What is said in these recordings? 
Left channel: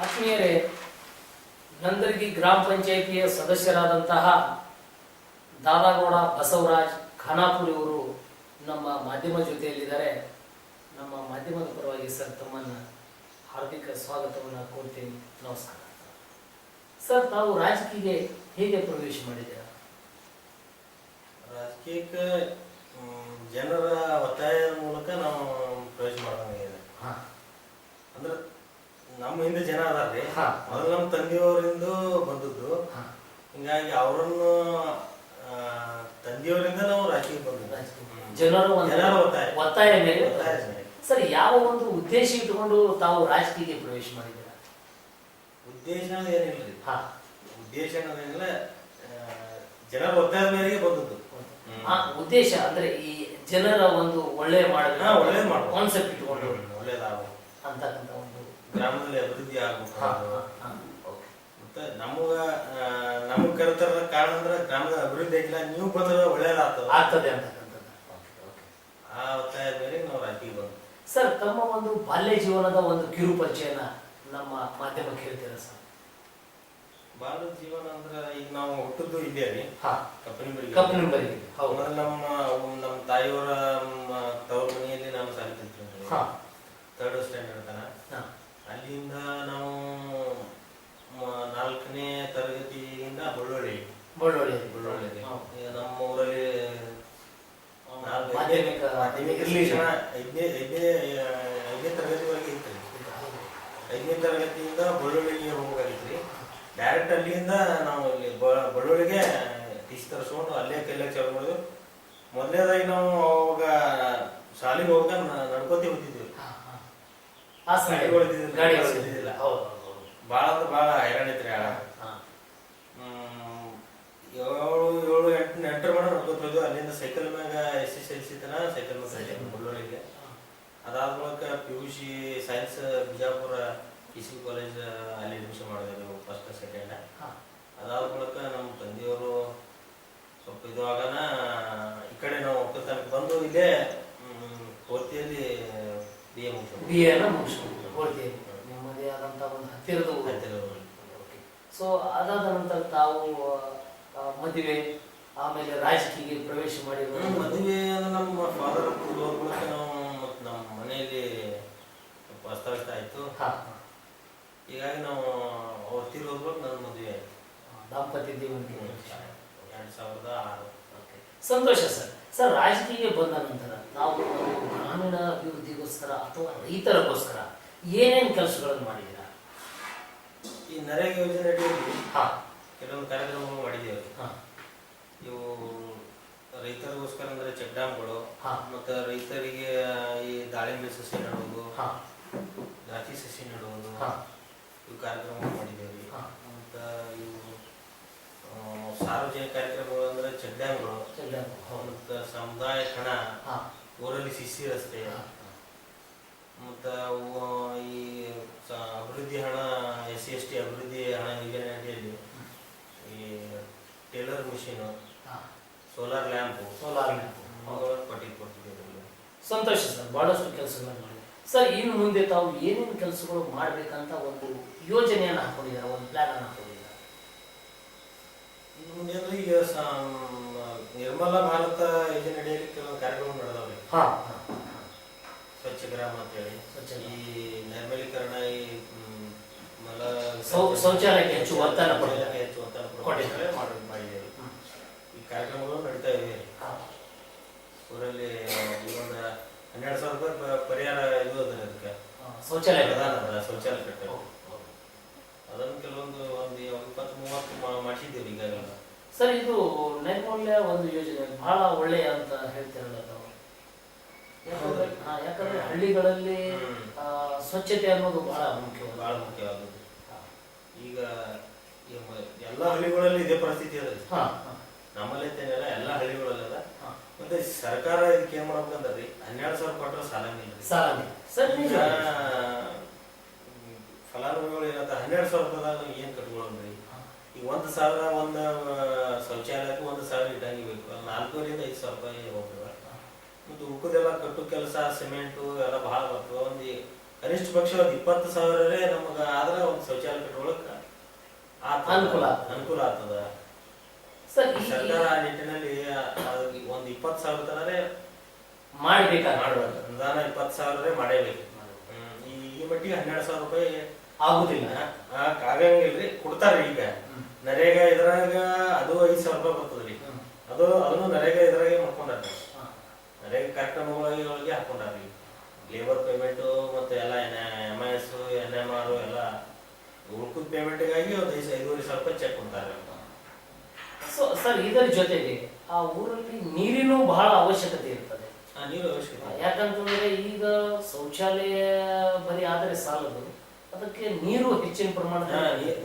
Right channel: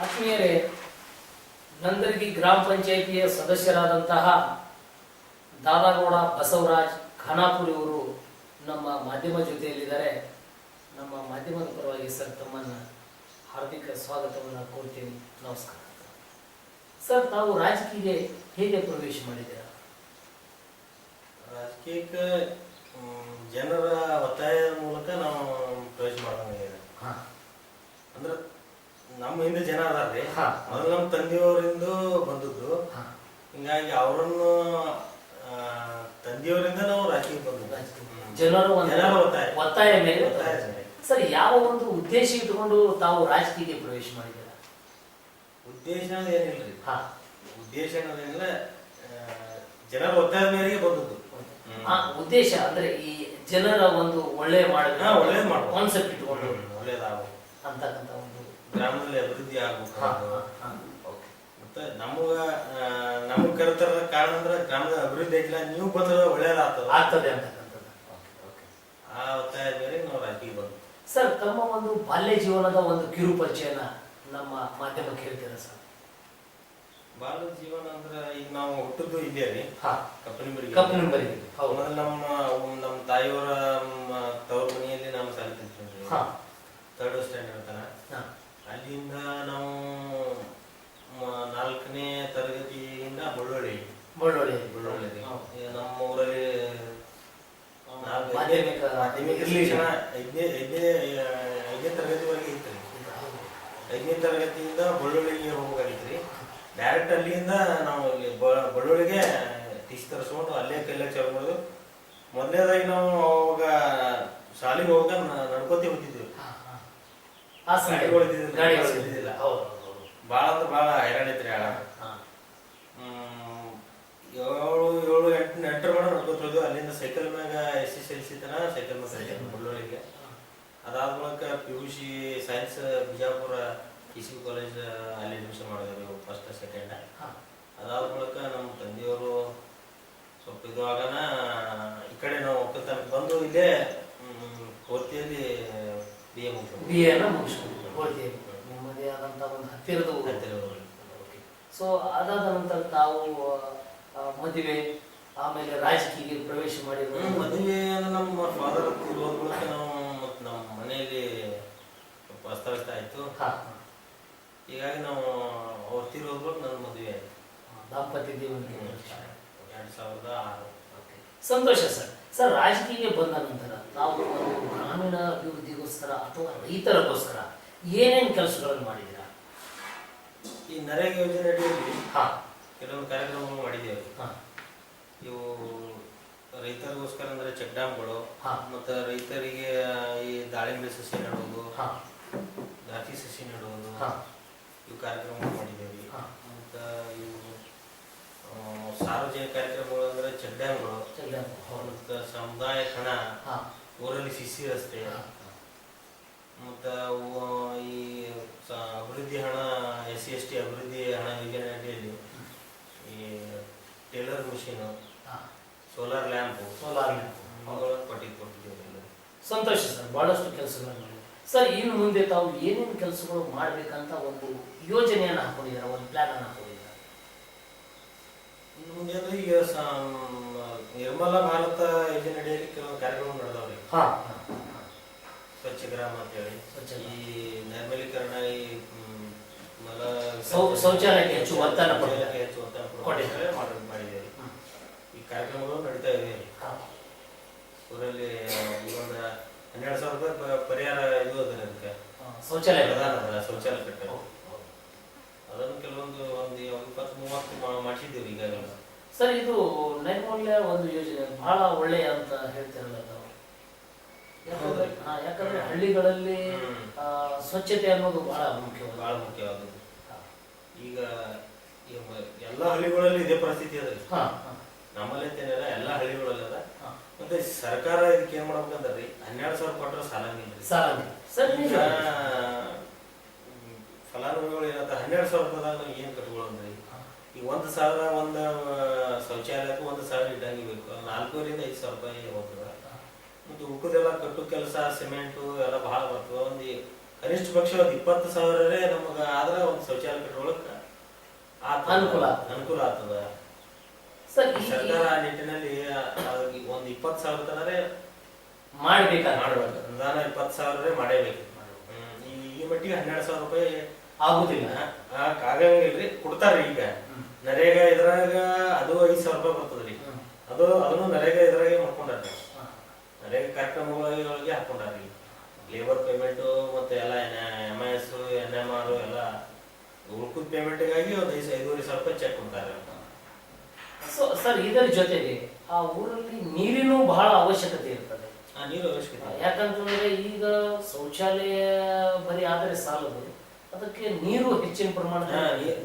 ಆತ್ಮೀಯರೇ, ನಂದರ್ಗಿ ಗ್ರಾಮ ಪಂಚಾಯಿತಿಯ ಸದಸ್ಯರಾದಂತಹ ದಾದಾಗೌಡ ಬಸವರಾಜ್ ಖಾನಾಪುರ್ ಇವರು ನಮ್ಮ ಮಾಧ್ಯಮ ಜೊತೆಯಲ್ಲಿದ್ದಾರೆ. ನಮ್ಮ ಮಾಧ್ಯಮದ ಪರವಾಗಿ ಸರ್ ತಮ್ಮನ್ನ ಹಾರ್ದಿಕ ಸ್ವಾಗತವನ್ನು ಕೋರ್ತೀನಿ. ನಮಸ್ಕಾರ ಸರ್. ತಾವು ರಾಜಕೀಯಕ್ಕೆ ಹೇಗೆ ಪ್ರವೇಶ ಮಾಡಿದ್ದೀರಾ? ರಾಜಕೀಯಕ್ಕೆ ಜನರ ಒತ್ತಾಯದ ಮೂಲಕ ನಾವು ಪ್ರವೇಶ ಮಾಡ್ದಂಗಿದೆ. ಅಂದ್ರೆ ನಮ್ಮ ಹಿಂದೆ ಜನ ಅದಾರ್ರಿ, ಮೊದಲು ನಮ್ಮ ತಂದೆಯವರಿಂದ ಬಂದದ್ದು. ಹಿಂಗಾಗಿ ಅವರನ್ನು ತಂದೆಯವರಿಂದ ನಾವು ರಾಜಕೀಯಕ್ಕೆ ಬಂದದ್ದು. ಜನರ ಒತ್ತಾಯ ಮೇಲೆ. ಸರ್, ಯಾವ ಒಂದು ಉದ್ದೇಶ ಇಟ್ಟುಕೊಂಡು ತಾವು ರಾಜಕೀಯಕ್ಕೆ ಪ್ರವೇಶ ಮಾಡಿದ್ದೀರಾ? ಉದ್ದೇಶ ಏನಿಲ್ರಿ, ಉದ್ದೇಶ ಅನ್ನೋದೇನಿಲ್ಲ, ಜನರ ಒತ್ತಾಯದ ಮೇರೆಗೆ ಬಂದದ್ದು. ಉದ್ದೇಶ ಅಂದ್ರೆ ಈ ಜನರ ಒಂದು ಒಳ್ಳೆ ಒಳ್ಳೆ ಕಾನ್ಸೆಪ್ಟ್ ಇಟ್ಕೊಂಡು ಒಳ್ಳೇದಾಗಬೇಕು ಅಂತಕ್ಕಂಥ ಒಂದು ಗ್ರಾಮದಲ್ಲಿ ಅಭಿವೃದ್ಧಿ ಆಗ್ಬೇಕು. ಮತ್ತೆ ನಮಗ್ ಕರೆತರದ ಕಾರಣ ಅಂದ್ರೆ ಗ್ರಾಮದ ಅಭಿವೃದ್ಧಿ ಆಗಿಲ್ಲ, ನೀವು ಬಂದ್ರೆ ಒಳ್ಳೇದಾಗ್ತದೆ ಅಂತಕ್ಕಂಥದ್ದು. ಆ ಒತ್ತಾಯದ ಮೇರೆಗೆ ನಾವು ರಾಜಕೀಯ ಬಂದ್ವಿ. ಸರ್, ತಮ್ಮ ಒಂದು ಬಾಲ್ಯ ಜೀವನದ ಒಂದು ಕಿರು ಪರಿಚಯನ ನಮ್ಮ ಮಾಧ್ಯಮಕ್ಕೆ ಹೇಳ್ತೀರಾ ಸರ್? ಬಾಲ್ಯ ಜೀವನ ಅಂದ್ರೆ ಈಗ ನಾವು ಹುಟ್ಟಿದ್ದು ಇಲ್ಲೇ ರೀ, ಕಪ್ಪನಿಂಬರಿಗೆ. ನಮ್ಮ ತಾಯಿಯವರ ತವ್ರ ಮನೆಯಲ್ಲಿ ನಾವು ಸಾಲಿ ಕಲ್ತೀವಿ, 3rd ಸ್ಟ್ಯಾಂಡರ್ಡ್ ತನ. ಅಲ್ಲಿಂದ ನಾವು 4ನೇ ತರಗತಿಯಿಂದ ಬಳ್ಳೊಳ್ಳಿ ನಮ್ಮ ಊರಲ್ಲಿ ಮಾಧ್ಯಮಿಕ ಶಿಕ್ಷಣ 5ನೇ ತರಗತಿವರೆಗೆ ಇತ್ತು. 5ನೇ ತರಗತಿಯಿಂದ ಬಳ್ಳೊಳ್ಳಿಗೆ ಹೋಗ್ಬೇಕಾಗಿತ್ರಿ. ಡೈರೆಕ್ಟ್ ಅಲ್ಲಿಂದ ನಾವು ಇಲ್ಲಿ ಬಳ್ಳೊಳ್ಳಿಗೆ ಟೀಚ್ ತರಿಸ್ಕೊಂಡು ಅಲ್ಲೇ ಕೈಲಾಗ ಚಾಲು ಮಾಡೋದು. ಮೊದಲನೇದಾಗಿ ನಾವು ಅವಾಗ ಶಾಲೆಗೆ ಹೋಗ ನಡ್ಕೋತಿ ಹೋಗ್ತಿದ್ವಿ. ಭಾಳ ಅಂದ್ರೆ ಭಾಳ ಹೈರಾಣ ಐತ್ರಿ. 7-8 ಮಾಡಿ ನಡ್ಕೋತ ಹೋದ್ವಿ. ಅಲ್ಲಿಂದ ಸೈಕಲ್ ಮ್ಯಾಗ SSLC ತನ ಸೈಕಲ್ ಮ್ಯಾಗ ಬಳ್ಳೊಳ್ಳಿಗೆ. ಅದಾದ ಮೂಲಕ PUC science Bijapur KCB college ಅಲ್ಲಿ ಅಡ್ಮಿಷನ್ ಮಾಡಿದ್ವಿ, 1st 2nd. ಅದಾದ ಮೂಲಕ ನಮ್ಮ ತಂದೆಯವರು ಸ್ವಲ್ಪ ಇದಾಗನ ಈ ಕಡೆ ನಾವು ಒಕ್ಕಲ್ತನಕ್ಕೆ ಬಂದು ಇಲ್ಲೇ ಕೋರ್ತಿಯಲ್ಲಿ BA ಮುಗಿಸ್ಕೊಂಡು ನಿಮ್ಮದೇ ಆದಂತ ಒಂದು ಹತ್ತಿರದ ಊರು. ಸೊ ಅದಾದ ನಂತರ ತಾವು ಮದುವೆ, ಆಮೇಲೆ ರಾಜಕೀಯ ಪ್ರವೇಶ ಮಾಡಿದ್ರು. ಮದುವೆ ನಮ್ಮ ಫಾದರ್ ಹೋದ ಮೂಲಕ ನಾವು ನಮ್ಮ ಮನೆಯಲ್ಲಿ ಸ್ವಲ್ಪ ಅಸ್ತವ್ಯಸ್ತ ಆಯ್ತು. ಹೀಗಾಗಿ ನಾವು ಅವ್ರು ತೀರೋದ್ಬೇಕು ನನ್ನ ಮದುವೆ ಆಯ್ತು. ದಾಂಪತ್ಯ ಜೀವನಕ್ಕೆ 2006. ಸಂತೋಷ ಸರ್. ಸರ್, ರಾಜಕೀಯಕ್ಕೆ ಬಂದ ನಂತರ ನಾವು ಗ್ರಾಮೀಣ ಅಭಿವೃದ್ಧಿಗೋಸ್ಕರ ಅಥವಾ ರೈತರಿಗೋಸ್ಕರ ಏನೇನು ಕೆಲಸಗಳನ್ನು ಮಾಡಿದ್ದೀರಾ? ಈ ನರೇಗಾ ಯೋಜನೆ ಅಡಿಯಲ್ಲಿ ಕೆಲವೊಂದು ಕಾರ್ಯಕ್ರಮಗಳು ಮಾಡಿದ್ದೇವೆ. ಇವು ರೈತರಿಗೋಸ್ಕರ ಅಂದ್ರೆ ಚೆಕ್ ಡ್ಯಾಮ್ಗಳು, ಮತ್ತು ರೈತರಿಗೆ ಈ ದಾಳಿಂಬೆ ಸಸಿ ನೆಡುವುದು, ದ್ರಾಕ್ಷಿ ಸಸಿ ನೆಡುವುದು, ಇವು ಕಾರ್ಯಕ್ರಮಗಳು ಮಾಡಿದ್ದೇವೆ. ಮತ್ತು ಇವು ಸಾರ್ವಜನಿಕ ಕಾರ್ಯಕ್ರಮಗಳು ಅಂದ್ರೆ ಚೆಕ್ ಡ್ಯಾಮ್ಗಳು, ಮತ್ತು ಸಮುದಾಯ ಕಣ, ಊರಲ್ಲಿ ಸಿಸಿ ರಸ್ತೆ, ಮತ್ತು ಈ ಅಭಿವೃದ್ಧಿ ಹಣ, SC/ST ಅಭಿವೃದ್ಧಿ ಹಣ ಯೋಜನೆ ಅಡಿಯಲ್ಲಿ ಈ ಟೇಲರ್ ಮಿಷಿನ್, ಸೋಲಾರ್ ಲ್ಯಾಂಪ್ ಕೊಟ್ಟಿದ್ದೇವೆ. ಸಂತೋಷ ಸರ್, ಬಹಳಷ್ಟು ಕೆಲಸಗಳನ್ನು ಮಾಡಿದ್ದಾರೆ. ಸರ್, ಇನ್ನು ಮುಂದೆ ತಾವು ಏನೇನು ಕೆಲಸಗಳು ಮಾಡ್ಬೇಕಂತ ಒಂದು ಯೋಜನೆಯನ್ನು ಹಾಕೊಂಡಿದ್ದಾರೆ, ಒಂದು ಪ್ಲಾನ್ ಅನ್ನು ಹಾಕೊಂಡಿದ್ದಾರೆ? ಇನ್ನು ಮುಂದೆ ಅಂದ್ರೆ ಈಗ ನಿರ್ಮಲ ಭಾರತ ಯೋಜನೆ ಅಡಿಯಲ್ಲಿ ಕೆಲವೊಂದು ಕಾರ್ಯಕ್ರಮ ನಡೆದವ್ರಿ. ಸ್ವಚ್ಛ ಗ್ರಾಮ ಅಂತ ಹೇಳಿ, ಈ ನೈರ್ಮಲೀಕರಣ, ಈ ಶೌಚಾಲಯಕ್ಕೆ ಹೆಚ್ಚು ಒತ್ತನ್ನು ಮಾಡಿದ್ದೇವೆ. ಈ ಕಾರ್ಯಕ್ರಮಗಳು ನಡೀತಾ ಇವೆ. ಊರಲ್ಲಿ ಈ ಒಂದು 12,000 ರೂಪಾಯಿ ಪರಿಹಾರ ಇದು ಅದ, ಅದಕ್ಕೆ ಶೌಚಾಲಯ ಕಟ್ಟ. ಅದನ್ನು ಕೆಲವೊಂದು 20-30 ಮಾಡಿಸಿದ್ದೇವೆ ಈಗಾಗಲೇ. ಸರ್, ಇದು ನೈರ್ಮಲ್ಯ ಒಂದು ಯೋಜನೆ ಬಹಳ ಒಳ್ಳೆಯ ಅಂತ ಹೇಳ್ತಿರಲ್ಲ ತಾವು? ಯಾಕಂದ್ರೆ ಹಳ್ಳಿಗಳಲ್ಲಿ ಸ್ವಚ್ಛತೆ ಅನ್ನೋದು ಬಹಳ ಮುಖ್ಯವಾದದ್ದು. ಈಗ ಎಲ್ಲ ಹಳ್ಳಿಗಳಲ್ಲಿ ಇದೇ ಪರಿಸ್ಥಿತಿ ಅದ. ನಮ್ಮಲ್ಲಿ ಅಂತೇನಿಲ್ಲ, ಎಲ್ಲ ಹಳ್ಳಿಗಳಲ್ಲಿ ಅದ. ಮತ್ತೆ ಸರ್ಕಾರ ಇದಕ್ಕೆ ಏನ್ ಮಾಡ್ಬೇಕಂದ್ರಿ, 12,000 ಕೊಟ್ಟರೆ ಸಾಲಂಗಿಲ್ಲ. ಫಲಾನುಭವಿಗಳು ಏನಂತ 12,000 ರೂಪಾಯಿದಾಗ ಏನ್ ಕಟ್ಕೊಳ್ಳೋಣ್ರಿ? ಈಗ 1,000 ಒಂದು ಶೌಚಾಲಯಕ್ಕೂ 1,000 ಇಟ್ಟಂಗಿ ಬೇಕು. 4,000-5,000 ರೂಪಾಯಿ ಹೋಗ್ತದ. ಮತ್ತು ಉಳ್ಕೋದೆಲ್ಲ ಕಟ್ಟು ಕೆಲಸ, ಸಿಮೆಂಟು ಎಲ್ಲ ಬಹಳ ಬರ್ತದೆ. ಒಂದು ಕನಿಷ್ಠ ಪಕ್ಷ ಒಂದ್ 20,000 ನಮಗ ಆದ್ರ ಒಂದ್ ಶೌಚಾಲಯ ಕಟ್ಕೊಳಕ್ ಅನುಕೂಲ ಆಗ್ತದ. ಸರ್ಕಾರ ಆ ನಿಟ್ಟಿನಲ್ಲಿ ಒಂದ್ 20,000 ತನರೇ ಮಾಡ್ಬೇಕು. ಅನುದಾನ 20,000 ಮಾಡೇಬೇಕು. ಈ ಮಟ್ಟಿಗೆ 12,000 ರೂಪಾಯಿ ಆಗುದಿಲ್ಲ, ಆಗಂಗಿಲ್ರಿ. ಕೊಡ್ತಾರ್ರಿ. ಈಗ ನರೇಗಾ ಇದ್ರಾಗ ಅದು 5,000 ರೂಪಾಯಿ ಬರ್ತದ್ರಿ. ಅದನ್ನು ನರೇಗಾ ಇದ್ರಾಗೆ ಮಾಡ್ಕೊಂಡಾರ್ರಿ. ನರೇಗಾ ಕಾರ್ಯಕ್ರಮಗಳಿಗೆ ಹಾಕೊಂಡಾರ್ರಿ. ಲೇಬರ್ ಪೇಮೆಂಟ್ ಮತ್ತೆ ಎಲ್ಲ MIS NMR ಎಲ್ಲ ಉಳ್ಕುದ್ ಪೇಮೆಂಟ್ಗಾಗಿ ಒಂದು 5,500 ರೂಪಾಯಿ ಚೆಕ್ ಕೊಡ್ತಾರೆ. ಸೊ ಸರ್, ಇದರ ಜೊತೆಗೆ ಆ ಊರಲ್ಲಿ ನೀರಿನ ಬಹಳ ಅವಶ್ಯಕತೆ ಇರ್ತದೆ. ನೀರು ಅವಶ್ಯಕತೆ. ಯಾಕಂತಂದ್ರೆ ಈಗ ಶೌಚಾಲಯ ಬರೀ ಆದರೆ ಸಾಲದು, ಅದಕ್ಕೆ ನೀರು ಹೆಚ್ಚಿನ ಪ್ರಮಾಣ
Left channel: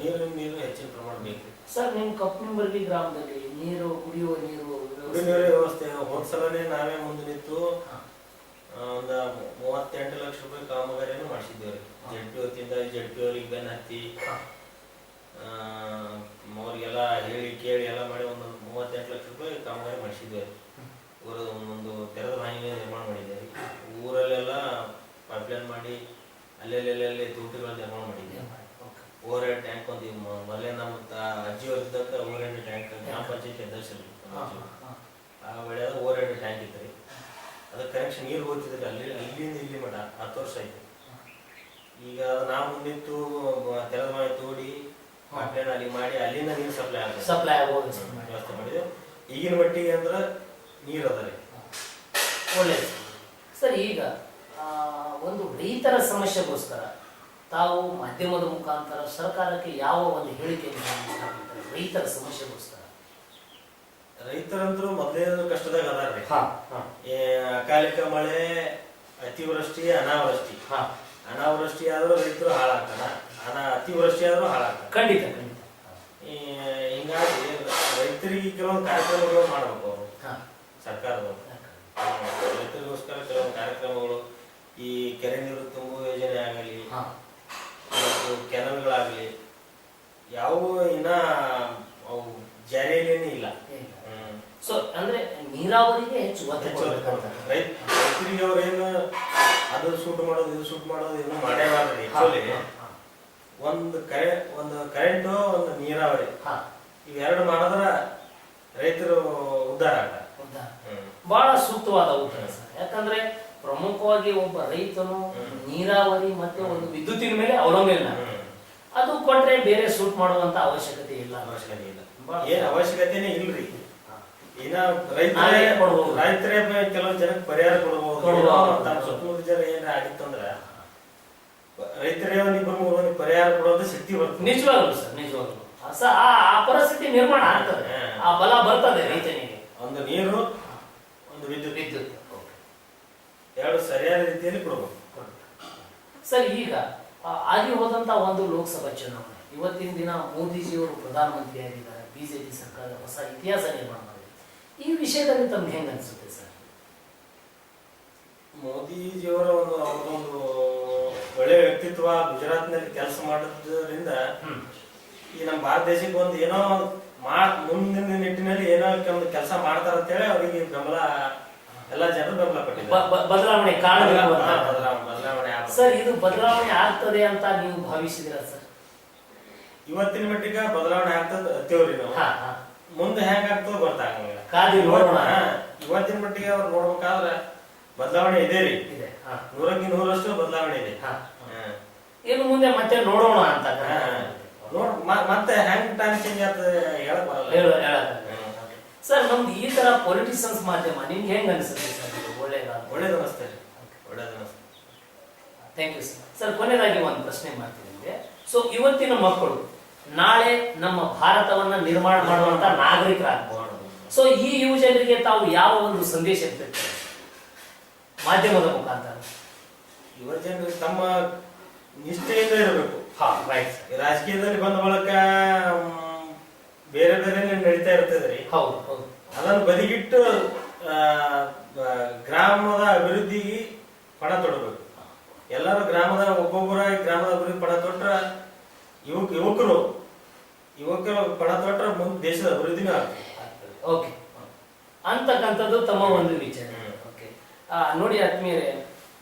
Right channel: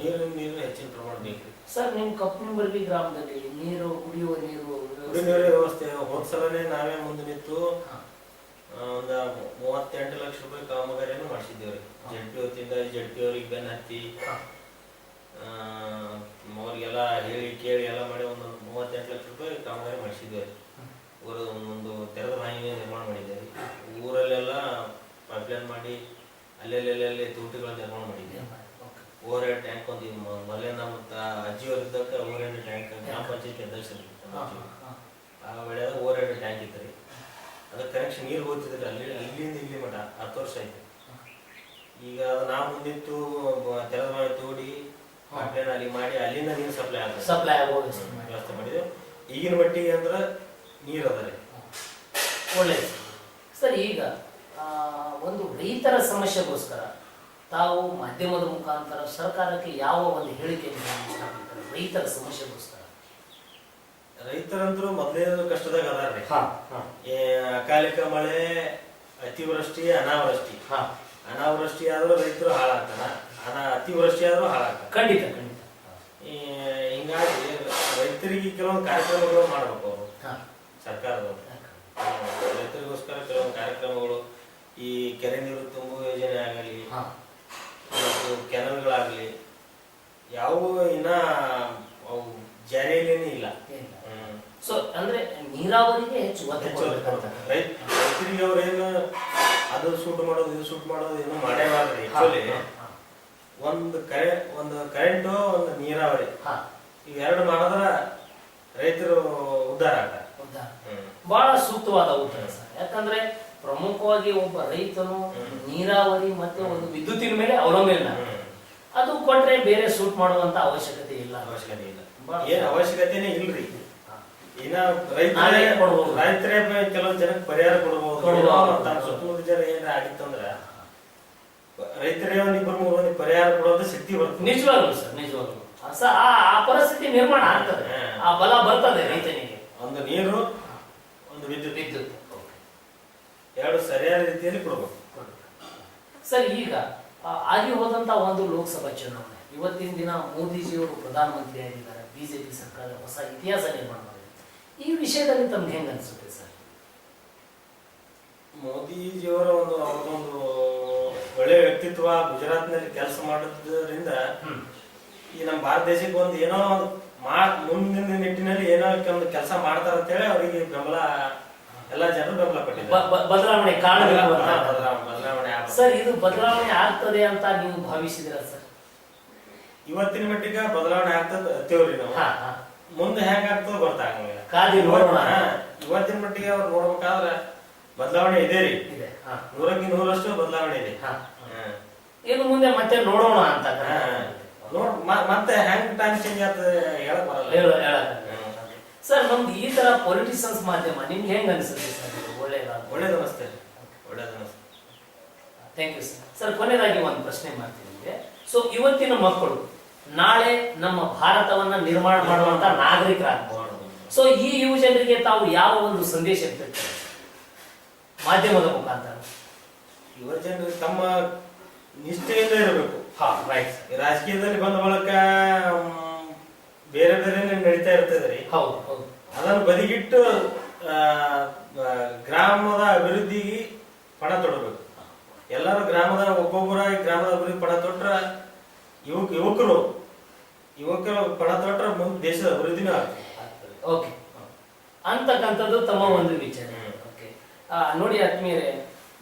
ನೀರು ಹೆಚ್ಚಿನ ಪ್ರಮಾಣ ಬೇಕು ಸರ್. ನಿಮ್ ಕಪ್ಪನಿಂಬರ್ಗಿ ಗ್ರಾಮದಲ್ಲಿ ನೀರು, ಕುಡಿಯುವ ನೀರು ವ್ಯವಸ್ಥೆ ಹೋದ್ಸಲನೇ ನಾವೇ ಮುಂದೆ ನಿಂತು ಒಂದ 38 ಲಕ್ಷ ರೂಪಾಯಿ ಕಾಮಗಾರಿಯನ್ನು ಮಾಡಿಸಿದ್ದೇವ್ರಿ. ಜಡ್ಪಿ ವತಿಯಿಂದ ಜಡ್ಪಿ ಅವ್ರಿಗೆ ಬೆನ್ನ ಹತ್ತಿ ಅವ್ರಿಗೆಲ್ಲ ಹೇಳಿ ಕೇಳಿ ಎಲ್ಲ ಮಾಡಿ ಒಂದು 38 ಲಕ್ಷ ರೂಪಾಯಿ ಕಾಮಗಾರಿ ಮಾಡಿಸಿದ್ದೇವೆ. ಒಂದು ತೆರೆದ ಬಾವಿ ನಿರ್ಮಾಣ ಮಾಡಿದ್ದೇವೆ. ಊರಲ್ಲೆಲ್ಲ ಪೈಪ್ಲೈನ್ ಮಾಡಿ ಅಲ್ಲೆಲ್ಲೆಲ್ಲಿ ತೂಟುಗಳ ನಿರ್ಮಾಣ ಮಾಡಿದ್ದೇವೆ. ಓವರ್ ಹೆಡ್ ಟ್ಯಾಂಕ್ ಒಂದು ಮೊದಲೇ ನಮ್ಮ ಅಜ್ಜಿಯವ್ರ ಇದ್ದಕ್ಕ ಓವರ್ ಹೆಡ್ ಟ್ಯಾಂಕ್ ಗ್ರಾಮ ಪಂಚಾಯತಿ ಅಧ್ಯಕ್ಷರು ಆ ವೇಳೆ ಓವರ್ ಹೆಡ್ ಟ್ಯಾಂಕ್ ಇತ್ತು. ಅದಕ್ಕೆ ಕನೆಕ್ಷನ್ ನೀರು ಹೋಗ್ತಿದ್ರಿ ಅಲ್ಲಿಂದ ಇಲ್ಲಿ ಮಠ 10 ವರ್ಷ ಆಯ್ತು. ಈಗ ನಾವು ಮುಂದಿತ್ತು ತೆರೆದ ಬಾವಿ ತೋಡಿ ಪೈಪ್ಲೈನ್ ಅಲ್ಲಿ ಮಾಡಿ ಅಲ್ಲಿಂದ ನೀರು ಸಪ್ಲೈ ಆಗೋ ವ್ಯವಸ್ಥೆ ಮಾಡಿದ್ವಿ. ಈಗಿನ ಮಟ್ಟಿಗೆ ಅಂದ್ರೆ ನೀರು ಅದ ರೀ. ಒಳ್ಳೆಯದು ಸರ್. ಈಗ ಒಂದು ರೈತರ ಸಮಸ್ಯೆಗೋಸ್ಕರ ತಾವು ಮಾಧ್ಯಮದ ಮುಖಾಂತರ ಸರ್ಕಾರಕ್ಕೆ ಯಾವ ಒಂದು ಹೇಳಿಕೆ ರೈತರ ಸಮಸ್ಯೆಗೋಸ್ಕರ? ರೈತರಂದ್ರು ಮೊದಲೇ ಕಷ್ಟದಾಗ ಅದಾರ್ರಿ. ಅಕಾಲಿಕ ಮಳೆ, ಅತಿವೃಷ್ಟಿ, ಅನಾವೃಷ್ಟಿ. ಅನಾವೃಷ್ಟಿ ಆದ್ರೂ ರೈತರು ಹಾಳಾಗ್ತಾನ, ಅತಿವೃಷ್ಟಿ ಆದ್ರೂ ಹಾಳಾಗ್ತಾನ. ಖಂಡಿತ. ಹಿಂಗಾಗಿ ರೈತರಿಗೆ ಕೆಲವೊಂದು ಕಾರ್ಯಕ್ರಮಗಳು ಮಾಡ್ಬೇಕು ಅವರು, ಸರ್ಕಾರದವರು. ರೈತರಿಗೋಸ್ಕರ ಕೆಲವೊಂದು ಕಾರ್ಯಕ್ರಮಗಳು, ಈ ಕೆರೆ ನೀರು ತುಂಬುವ ಯೋಜನೆ ಆಗಲಿ ಮತ್ತು ಕೆನಲ್ಗಳಾಗಲಿ ಯಾವುವು ಇನ್ನ ಅವು ಜಾರಿಯಲ್ಲೇನೇ ಇಲ್ಲ. ಸೊ ಅಂದ್ರೆ ನೀರಾವರಿಗೆ ಹೆಚ್ಚು ರೈತರಿಗೆ ಅವ್ರೇನು ಅದು ಶೂಟ್ ಮಾಡೋದು ಇದು ಶೂಟ್ ಮಾಡೋದು ಏನು ಮಾಡೇಬಾರ್ದ್ರಿ. ಆಕ್ಚುಲಿ ಒಂದು ಕರೆಂಟು ಒಂದು ನೀರಾವರಿ ಇವೆರಡು ಮಾಡಿದ್ರ ರೈತರು ಉದ್ಧಾರ ಆಗ್ತಾರೆ. ಬಹಳ ಸೂಕ್ತವಾದ ಉತ್ತರ ಸರ್. ಯಾಕಂದ್ರೆ ಪ್ರಮುಖವಾಗಿ ಒಬ್ಬ ರೈತನು ನೀರಾವರಿ ಮತ್ತೆ ಒಂದು ವಿದ್ಯುತ್ತಿನ ಮೇಲೆ ಅವಲಂಬನೆ. ಅದು ಕೊಟ್ರೆ ಬೇರೆ ಶೂಟ್ ಮಾಡುವಂತ ಅವಶ್ಯಕತೆ ಇಲ್ಲ. ಏನ್ ಅವಶ್ಯಕತೆನೇ ಇಲ್ರಿ. ಇನ್ನ ರೈತರೇ ಕೆಲವೊಂದು ಜನಕ್ಕೆ ಪರಿಹಾರ ಕೊಡಬಹುದು. ತಮ್ಮ ಸುತ್ತಮುತ್ತ ಜನ ಏನಾರ ಆಗಿತ್ತಂದ್ರ ರೈತರೇ ಒಂದಿಬ್ಬರು ಪರಿಹಾರ ಕೊಡೋದು ಶಕ್ತಿ ಬರ್ತದೆ. ನಿಜವಾಗ್ಲು ಸರ್, ನಿಜವಾಗ್ಲು ಆ ಪರಿಸ್ಥಿತಿ ನಿರ್ಮಾಣ ಆಗ್ತದೆ, ಆ ಬಲ ಬರ್ತದೆ ರೈತನಿಗೆ. ಒಂದು ನೀರು, ಒಂದು ವಿದ್ಯುತ್ ಎರಡು ಸರಿಯಾದ ರೀತಿಯಲ್ಲಿ ಕೊಡಬೇಕು ಸರ್. ಈಗ ಆಗಿ ಹೋದಂತ ಒಂದು ಲೋಕಸಭಾ ಚುನಾವಣೆ, ಇವತ್ತಿನ ದಿನ ಮೋದಿಜಿಯವರು ಪ್ರಧಾನಮಂತ್ರಿ ಆಗಿದ್ದಾರೆ, ಬಿಜೆಪಿ ಸರ್ಕಾರ ಹೊಸ ಇತಿಹಾಸ ನಿರ್ಮಾಣ ಮಾಡಿದೆ. ಈ ವಿಷಯದಲ್ಲಿ ತಮ್ಗೆ ಹೆಂಗ ಅನ್ಸುತ್ತೆ ಸರ್? ಮೋದಿಜಿಯವರ ಅವ್ರದೊಂದು ಒಳ್ಳೆ ವ್ಯಕ್ತಿತ್ವ, ಗುಜರಾತ್ ನಲ್ಲಿ ಕೆಲಸ ಮಾಡೋದ್ರಿಂದ ಈ ನಮ್ಮ ಭಾರತ ದೇಶಕ್ಕೆ ಒಂದು ಏನೋ ಮುಂದಿನ ನಿಟ್ಟಿನಲ್ಲಿ ಏನೋ ಒಂದು ಕೆಲಸ ಮಾಡ್ತಾರ ಅಂತೇಳಿ ಅವರಿಗೆ ಬೆಂಬಲ, ಎಲ್ಲ ಜನರು ಬೆಂಬಲ ಪಟ್ಟಿದ್ದಾರೆ. ಬದಲಾವಣೆ ಬದಲಾವಣೆ ಸರ್, ಇದು ಬದಲಾವಣೆ ಆಗ್ತದೆ ಅಂತ ನೀವು ಭಾವಿಸಿದಿರ ಸರ್? ಇವತ್ತಿನ ಮಟ್ಟಿಗೆ ಬದಲಾವಣೆ ಆಗ್ತದೆ ಅತ್ತೇವ್ರಿ ನಾವು. ಮುಂದೆ ಹೆಂಗ ಆಗ್ತದ ಗೊತ್ತಾಗಂಗಿಲ್ಲ. ಇವತ್ತಿನ ಮಟ್ಟಿಗೆ ಅವ್ರು ನೋಡ್ಬೇಕಾದ್ರೆ ಬದಲಾವಣೆ ಇದೆ ರೀ. 100ಕ್ಕೆ 100ರಷ್ಟು ಬದಲಾವಣೆ ಇದೆ. ಇನ್ನು ಮುಂದೆ ಮತ್ತೆ ನೋಡೋಣ ಅಂತ ಮತ್ತೆ ಹೆಂಗ್ ಟೈಮ್ ಚೇಂಜ್ ಆಗ್ತದೆ ಹೇಳಕ್ ಬರಲ್ಲ ಸರ್. ನಮ್ದು ಈ ತರ ಪೊಲಿಟಿಷಿಯನ್ಸ್ ಮಾಧ್ಯಮ ನಿಮ್ಗೆ ಹೆಂಗ್ ಅನ್ಸುತ್ತೆ ಸರ್? ಒಳ್ಳೇದು ಅನಿಸ್ತೇ. Thank you sir. ಸರ್, ಕೊನೆಯದಾಗಿ ಒಂದು ಪ್ರಶ್ನೆ ಮಾಡ್ತೀನಿ ನಿಮಗೆ. ಸೊ ಇವತ್ತಿನ ಮಕ್ಕಳು ನಾಳೆ ನಮ್ಮ ಭಾರತವನ್ನ ನಿರ್ಮಾಣ ಮಾಡುವಂತ ನಾಗರಿಕರಾಗಬಹುದು. ಸೊ ಈ ಯುವ ಜನರಿಗೆ ತಾವು ಯಾವ ಒಂದು ಸಂದೇಶ ಇರ್ತಾರೆ ಮಾಧ್ಯಮದ ಮುಖಾಂತರ? ಯುವ ಜನರು ತಮ್ಮ ನಿಷ್ಠೆಯಿಂದ ಇರಬೇಕು. ರಾಜಕೀಯದಲ್ಲಿ ಬಂದ ಬಳಕ ಬೇರೆ ಬೇರೆ ನಡೀತಾ ಇರ್ತದ್ರಿ. ಅದನ್ನು ಬದಿಗಿಟ್ಟು ಗ್ರಾಮದ ಅಭಿವೃದ್ಧಿಗೆ ಪಣ ತೊಡಬೇಕು. ಎಲ್ಲರೂ ಗ್ರಾಮದ ಒಬ್ಬೊಬ್ಬರ ಗ್ರಾಮದ ಅಭಿವೃದ್ಧಿ ಪಣ ತೊಟ್ರ ಯುವಕರು ಪಣ ತೊಟ್ರ ಮುಂದೆ ದೇಶದ ಅಭಿವೃದ್ಧಿನೂ ಆಗ್ತದೆ. ಓಕೆ ಅಂತಕ್ಕಂಥದ್ದು ತಮ್ಮ ಒಂದು ವಿಚಾರ. ಓಕೆ ನೋಡಿ ಆತ್ಮೀಯರೇ,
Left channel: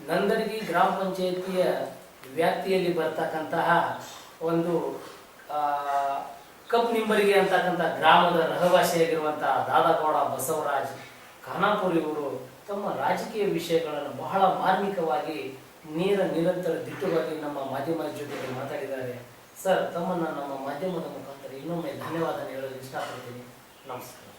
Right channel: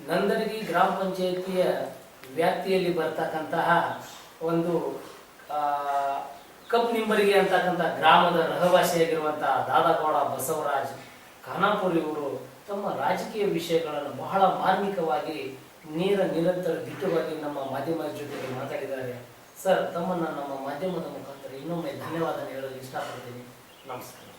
ನಂದಡಗಿ ಗ್ರಾಮ ಪಂಚಾಯತಿಯ ವ್ಯಾಪ್ತಿಯಲ್ಲಿ ಬರ್ತಕ್ಕಂತಹ ಒಂದು ಕಪ್ ನಿಂಬರಿಗೆ ಅಂತಕ್ಕಂಥ ಗ್ರಾಮದ ರಹವಾಸಿಯಾಗಿರುವಂತಹ ದಾದಾಗೌಡ ಬಸವರಾಜ್ ಖಾನಾಪುರ್ ಇವರು ತಮ್ಮ ರಾಜಕೀಯ ವಿಷಯಗಳನ್ನು ಬಹಳ ಮಾರ್ಮಿಕವಾಗಿ ನಿರಂತರ ದಿಟ್ಟವಾಗಿ ನಮ್ಮ ಮಾಧ್ಯಮದ ಜೊತೆಗೆ ಮಾತಾಡಿದ್ದಾರೆ. ಸರ್, ತಮ್ಮನ್ನ ನಮ್ಮ ಮಾಧ್ಯಮದ ಮುಖಾಂತರ ಇನ್ನೊಮ್ಮೆ ಧನ್ಯವಾದ ಹೇಳಲು ಇಷ್ಟಪಡ್ತೀನಿ. ನಮಸ್ಕಾರ.